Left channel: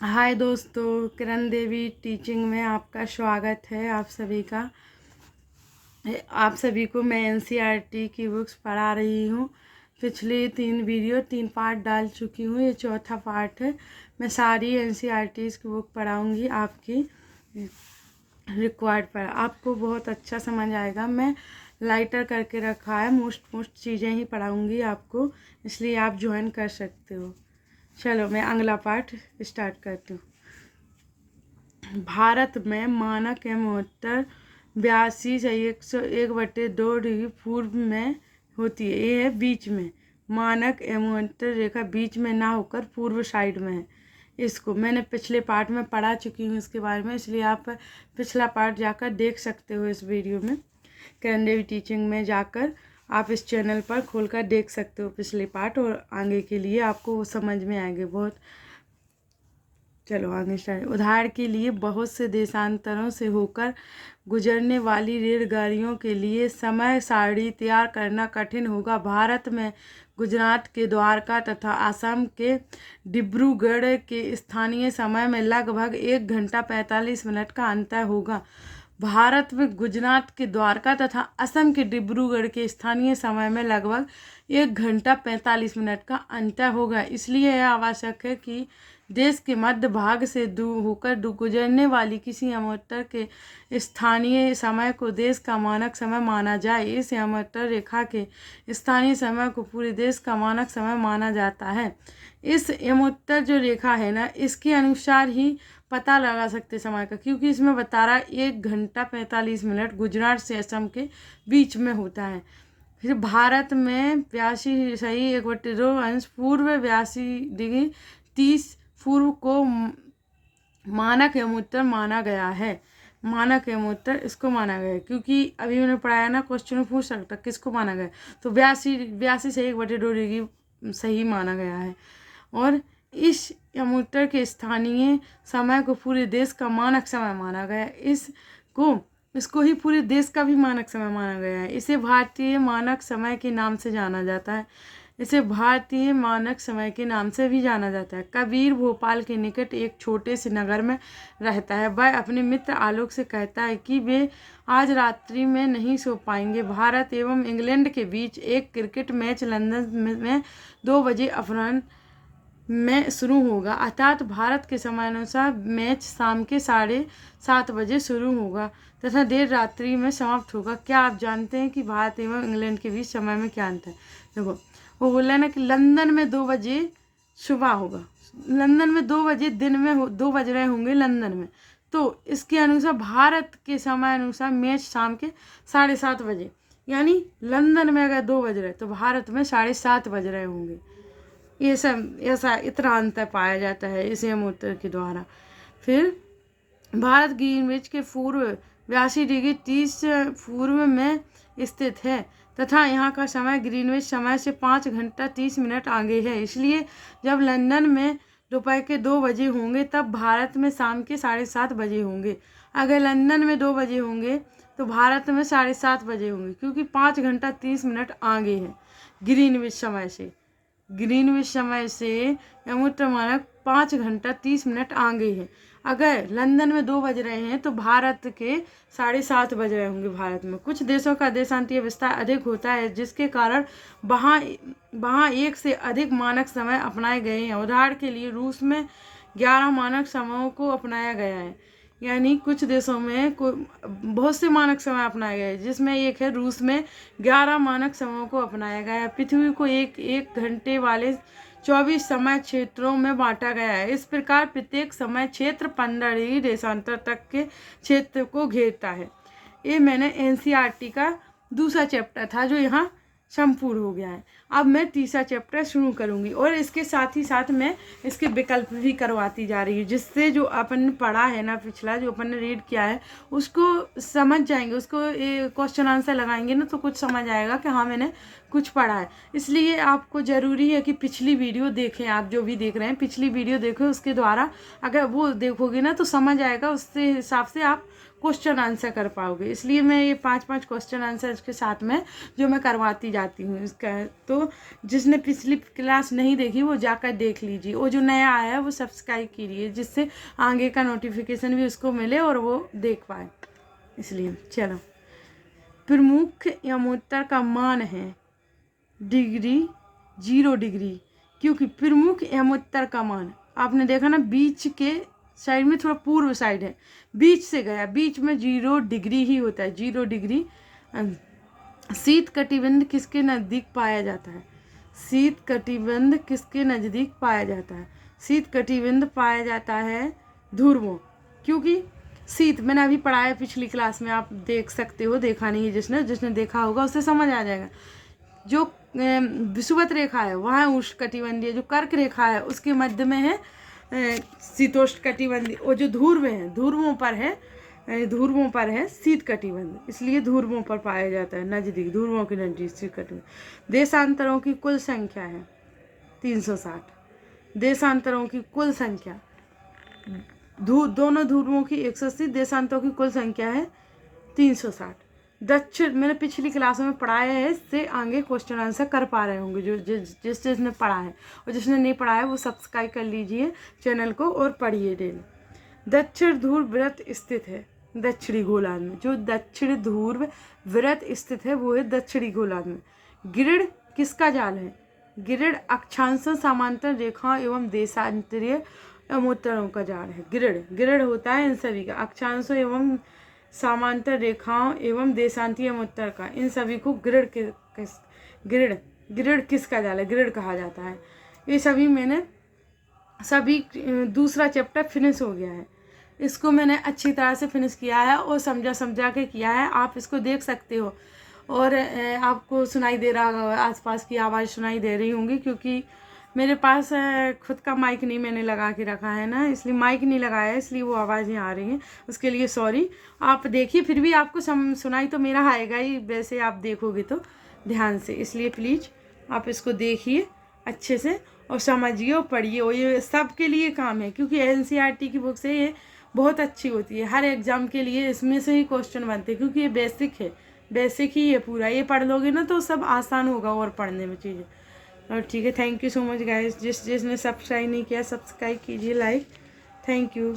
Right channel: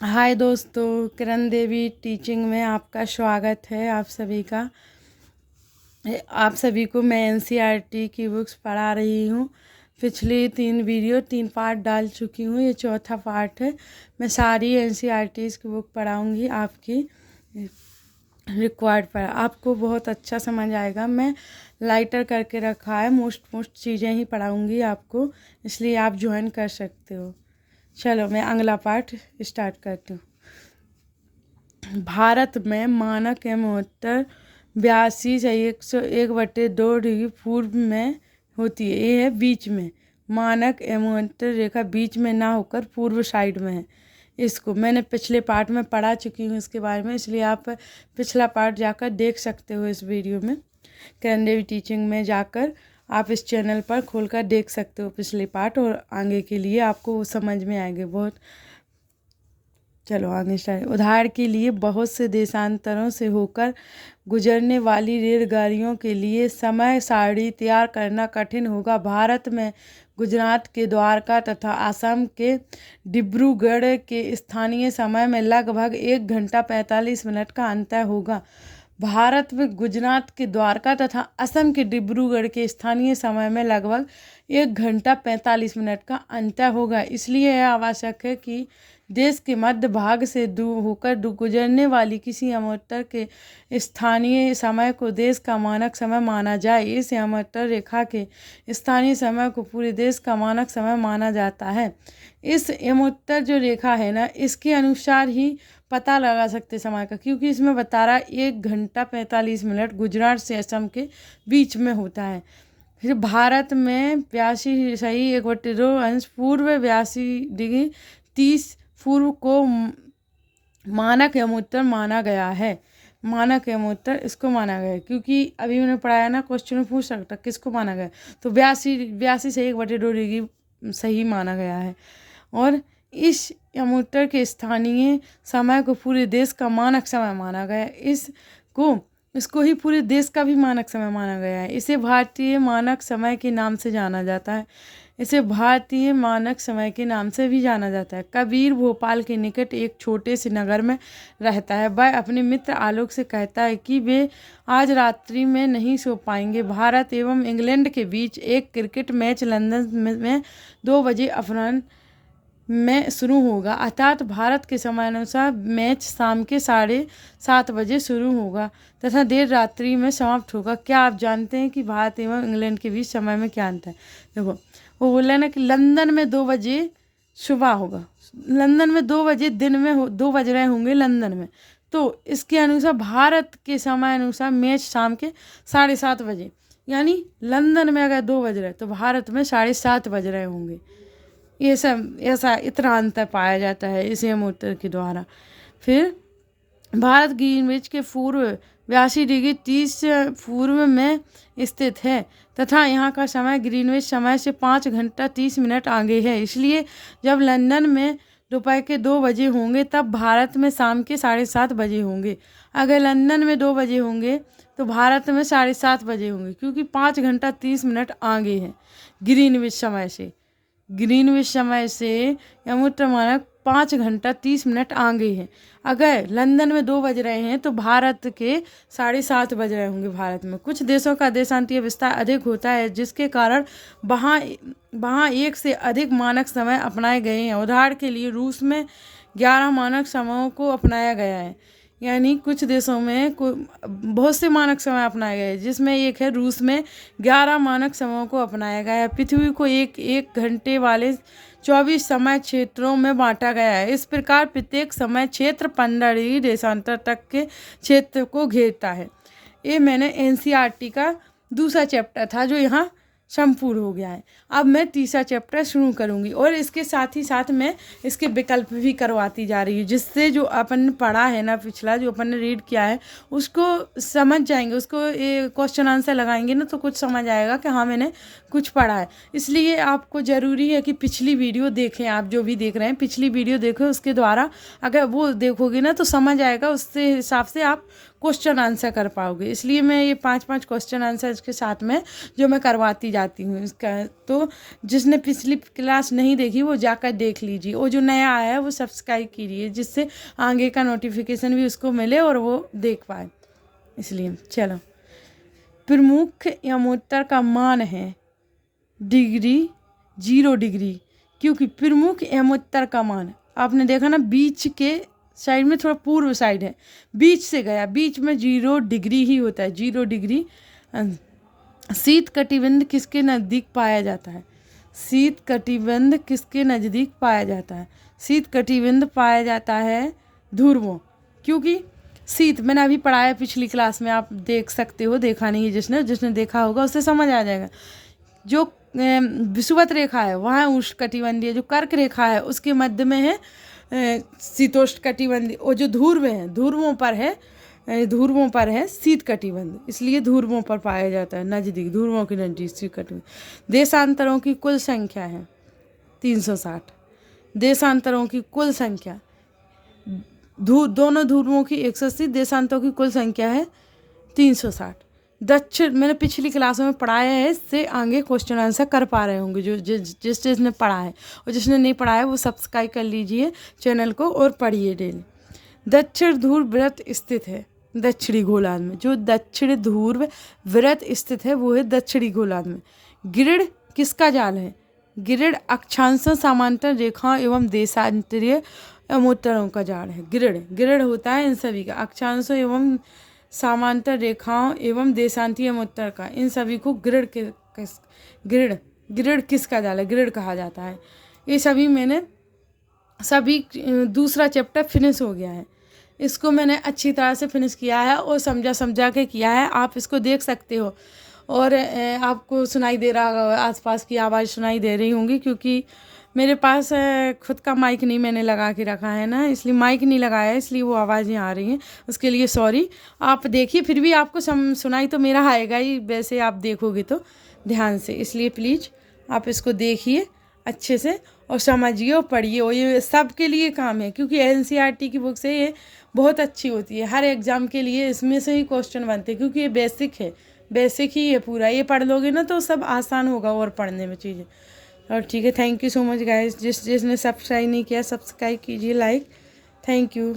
हाय दोस्तों, किरण देवी टीचिंग में आपका स्वागत है। आप सभी को मैं एनसीईआरटी की बुक्स पढ़ा रही हूँ। पिछली 3 पार्ट डाल चुकी हूँ, ये चौथा पार्ट है। मैं सारी एनसीईआरटी की बुक पढ़ाऊँगी, आपकी रिक्वायर्ड पर आपको बहुत अच्छा समझ आएगा। मैं लाइटर करके रखा है, मोस्ट चीज़ें ही पढ़ाऊँगी आपको, इसलिए आप ज्वाइन कर सकते हो। चलो मैं अगला पार्ट स्टार्ट करती हूँ। भारत में मानक एवं उत्तर 82 से 101/2 डिग्री पूर्व में होती है। ये है बीच में, मानक एवं उत्तर रेखा बीच में ना होकर पूर्व साइड में है। इसको मैंने पिछले पार्ट में पढ़ा चुकी हूँ इसके बारे में, इसलिए आप पिछला पार्ट जाकर देख सकते हो। इस वीडियो में किरण देवी टीचिंग में जाकर आप इस चैनल पर खोलकर देख सकते हो पिछले पार्ट, और आगे के लिए आपको समझ में आएंगे बहुत। चलो आगे स्टार्ट। उदाहरण के लिए बहुत से देशांतरों से होकर गुजरने वाली रेलगाड़ियों के लिए समय सारणी तैयार करना कठिन होगा। भारत में गुजरात के द्वारका तथा असम के डिब्रूगढ़ के स्थानीय समय में लगभग 1 घंटा 45 मिनट का अंतर होगा। भारत में गुजरात के द्वारका तथा असम के डिब्रूगढ़ के स्थानीय समय में लगभग 1 घंटा 45 मिनट का अंतर होगा। इसलिए यह आवश्यक है कि देश के मध्य भाग से होकर गुजरने वाली किसी अमोत्तर के स्थानीय समय को देश का मानक समय माना जाए। इस अमोत्तर रेखा के स्थानीय समय को पूरे देश का मानक समय माना जाता है। इस अमोत्तर जो रेखा है ना, इसके अनुसार ही पता लगा सकते समय का, क्योंकि इसमें बता रहा है 1 घंटा 45 मिनट गुजरात से असम के बीच में होता है। फिर भारत में 82 सही 1/2 अंश पूर्व 82 डिग्री 30 पूर्व को मानक एवं उत्तर माना गया है। मानक एवं उत्तर इसको माना गया है, क्योंकि अभी मैंने पढ़ाया ना, क्वेश्चन में पूछ सकता किसको माना गया, तो 82 सही 1/2 डिग्री सही माना गया है। और इस अमूर्तर के स्थानीय समय को पूरे देश का मानक समय माना गया है। इसको ही पूरे देश का भी मानक समय माना गया है। इसे भारतीय मानक समय के नाम से जाना जाता है। इसे भारतीय मानक समय के नाम से भी जाना जाता है। कबीर भोपाल के निकट एक छोटे से नगर में रहता है। वह अपने मित्र आलोक से कहता है कि वे आज रात्रि में नहीं सो पाएंगे। भारत एवं इंग्लैंड के बीच एक क्रिकेट मैच लंदन में 2 बजे अपराह्न में शुरू होगा, अर्थात भारत के समयानुसार मैच शाम के 7:30 बजे शुरू होगा तथा देर रात्रि में समाप्त होगा। क्या आप जानते हैं कि भारत एवं इंग्लैंड के बीच समय में क्या अंतर है? देखो, वो बोल रहे हैं ना कि लंदन में 2 बजे सुबह होगा, लंदन में 2 बजे दिन में 2 बज रहे होंगे लंदन में, तो इसके अनुसार भारत के समय अनुसार मैच शाम के 7:30 बजे, यानी लंदन में अगर 2 बज रहे तो भारत में 7:30 बज रहे होंगे। ये सब ऐसा इतना अंतर पाया जाता है इस अमूर्तर के द्वारा। फिर भारत ग्रीनविच के पूर्व 82 डिग्री 30 पूर्व में स्थित है तथा यहाँ का समय ग्रीनविच समय से 5 घंटा 30 मिनट आगे है। इसलिए जब लंदन में दोपहर के 2 बजे होंगे तब भारत में शाम के 7:30 बजे होंगे। अगर लंदन में 2 बजे होंगे तो भारत में 7:30 बजे होंगे, क्योंकि 5 घंटा 30 मिनट आगे है ग्रीनविच समय से। ग्रीनविच समय से अमूर्त मानक 5 घंटा 30 मिनट आगे है। अगर लंदन में 2 बज रहे हैं तो भारत के 7:30 बज रहे होंगे। भारत में कुछ देशों का देशांतीय विस्तार अधिक होता है, जिसके कारण वहाँ एक से अधिक मानक समय अपनाए गए हैं। उदाहरण के लिए रूस में 11 मानक समयों को अपनाया गया है, यानी कुछ देशों में बहुत से मानक समय अपनाए गए, जिसमें एक है रूस में 11 मानक समयों को अपनाया गया है। पृथ्वी को एक घंटे वाले 24 समय क्षेत्रों में बांटा गया है। इस प्रकार प्रत्येक समय क्षेत्र 15 डिग्री देशांतर तक के क्षेत्र को घेरता है। ये मैंने एनसीईआरटी का दूसरा चैप्टर था जो यहाँ संपूर्ण हो गया है। अब मैं तीसरा चैप्टर शुरू करूँगी, और इसके साथ ही साथ मैं इसके विकल्प भी करवाती जा रही हूँ, जिससे जो अपन ने पढ़ा है ना, पिछला जो अपन ने रीड किया है उसको समझ जाएंगे, उसको ये क्वेश्चन आंसर लगाएंगे ना तो कुछ समझ आएगा कि हाँ मैंने कुछ पढ़ा है। इसलिए आपको ज़रूरी है कि पिछली वीडियो देखें। आप जो भी देख रहे हैं पिछली वीडियो देखें, उसके द्वारा अगर वो देखोगे ना तो समझ आएगा, उससे हिसाब से आप क्वेश्चन आंसर कर पाओगे। इसलिए मैं ये 5 क्वेश्चन आंसर इसके साथ में जो मैं करवाती जाती हूँ इसका, तो तो जिसने पिछली क्लास नहीं देखी वो जाकर देख लीजिए, वो जो नया आया है वो सब्सक्राइब कीजिए, जिससे आगे का नोटिफिकेशन भी उसको मिले और वो देख पाए। इसलिए चलो, प्रमुख यमोत्तर का मान है डिग्री 0 डिग्री, क्योंकि प्रमुख यमोत्तर का मान आपने देखा ना, बीच के साइड में थोड़ा पूर्व साइड है, बीच से गया, बीच में 0 डिग्री ही होता है, 0 डिग्री। शीत कटिबंध किसके नज़दीक पाया जाता है? शीत कटिबंध किसके नज़दीक पाया जाता है? शीत कटिबंध पाया जाता है ध्रुवों, क्योंकि शीत मैंने अभी पढ़ाया पिछली क्लास में, आप देख सकते हो, देखा नहीं जिसने देखा होगा उससे समझ आ जाएगा। जो विषुवत रेखा है वहाँ उष्ण कटिबंधीय, जो कर्क रेखा है उसके मध्य में है शीतोष्ण कटिबंधीय, और जो ध्रुव है ध्रुवों पर है शीत कटिबंध, इसलिए ध्रुवों पर पाया जाता है, नज़दीक, ध्रुवों के नज़दीक शीत कटिबंध। देशांतरों की कुल संख्या है 360। देशांतरों की कुल संख्या, दोनों ध्रुवों की 180, देशांतरों की कुल संख्या है 360। दक्षिण मैंने पिछली क्लासों में पढ़ाया है, इससे आगे क्वेश्चन आंसर कर पा रहे होंगे जो जिसने पढ़ा है, और जिसने नहीं पढ़ा है वो सब्सक्राइब कर लीजिए चैनल को और पढ़िए डेली। दक्षिण ध्रुव व्रत स्थित है दक्षिणी गोलार्ध में, जो दक्षिण ध्रुव व्रत स्थित है वो है दक्षिणी गोलार्ध में। गिरिड किसका जाल है? गिरिड अक्षांशों, समांतर रेखाओं एवं देशांतरीय यमोत्तरों का जाल है। गिरिड होता है इन सभी का, अक्षांशों एवं समांतर रेखाओं एवं देशांतीय यमोत्तर का, इन सभी को गिरिड किसका जाल है? गिरिड कहा जाता है। ये सभी दूसरा चैप्टर फिनिश हो गया है, इसको मैंने अच्छी तरह से फिनिश किया है और समझा के किया है, आप इसको देख सकते हो। और आपको सुनाई दे रहा होगा, आसपास की आवाज़ सुनाई दे रही होंगी, क्योंकि मेरे पास खुद का माइक नहीं मैंने लगा के रखा है ना, इसलिए माइक नहीं लगाया है, इसलिए वो आवाज़ें आ रही हैं, उसके लिए सॉरी। आप देखिए, फिर भी आपको सुनाई तो मेरा आएगा ही, वैसे आप देखोगे तो ध्यान से, इसलिए प्लीज़ आप इसको देखिए अच्छे से और समझिए और पढ़िए, और ये सब के लिए काम है, क्योंकि NCERT की बुक से ये बहुत अच्छी होती है, हर एग्ज़ाम के लिए इसमें से ही क्वेश्चन बनते हैं, क्योंकि ये बेसिक ही है पूरा, ये पढ़ लोगे ना तो सब आसान होगा और पढ़ने में चीज़ें। और ठीक है, thank you so much guys, जिसने सब्सक्राइब नहीं किया सब्सक्राइब कीजिए, लाइक, थैंक यू।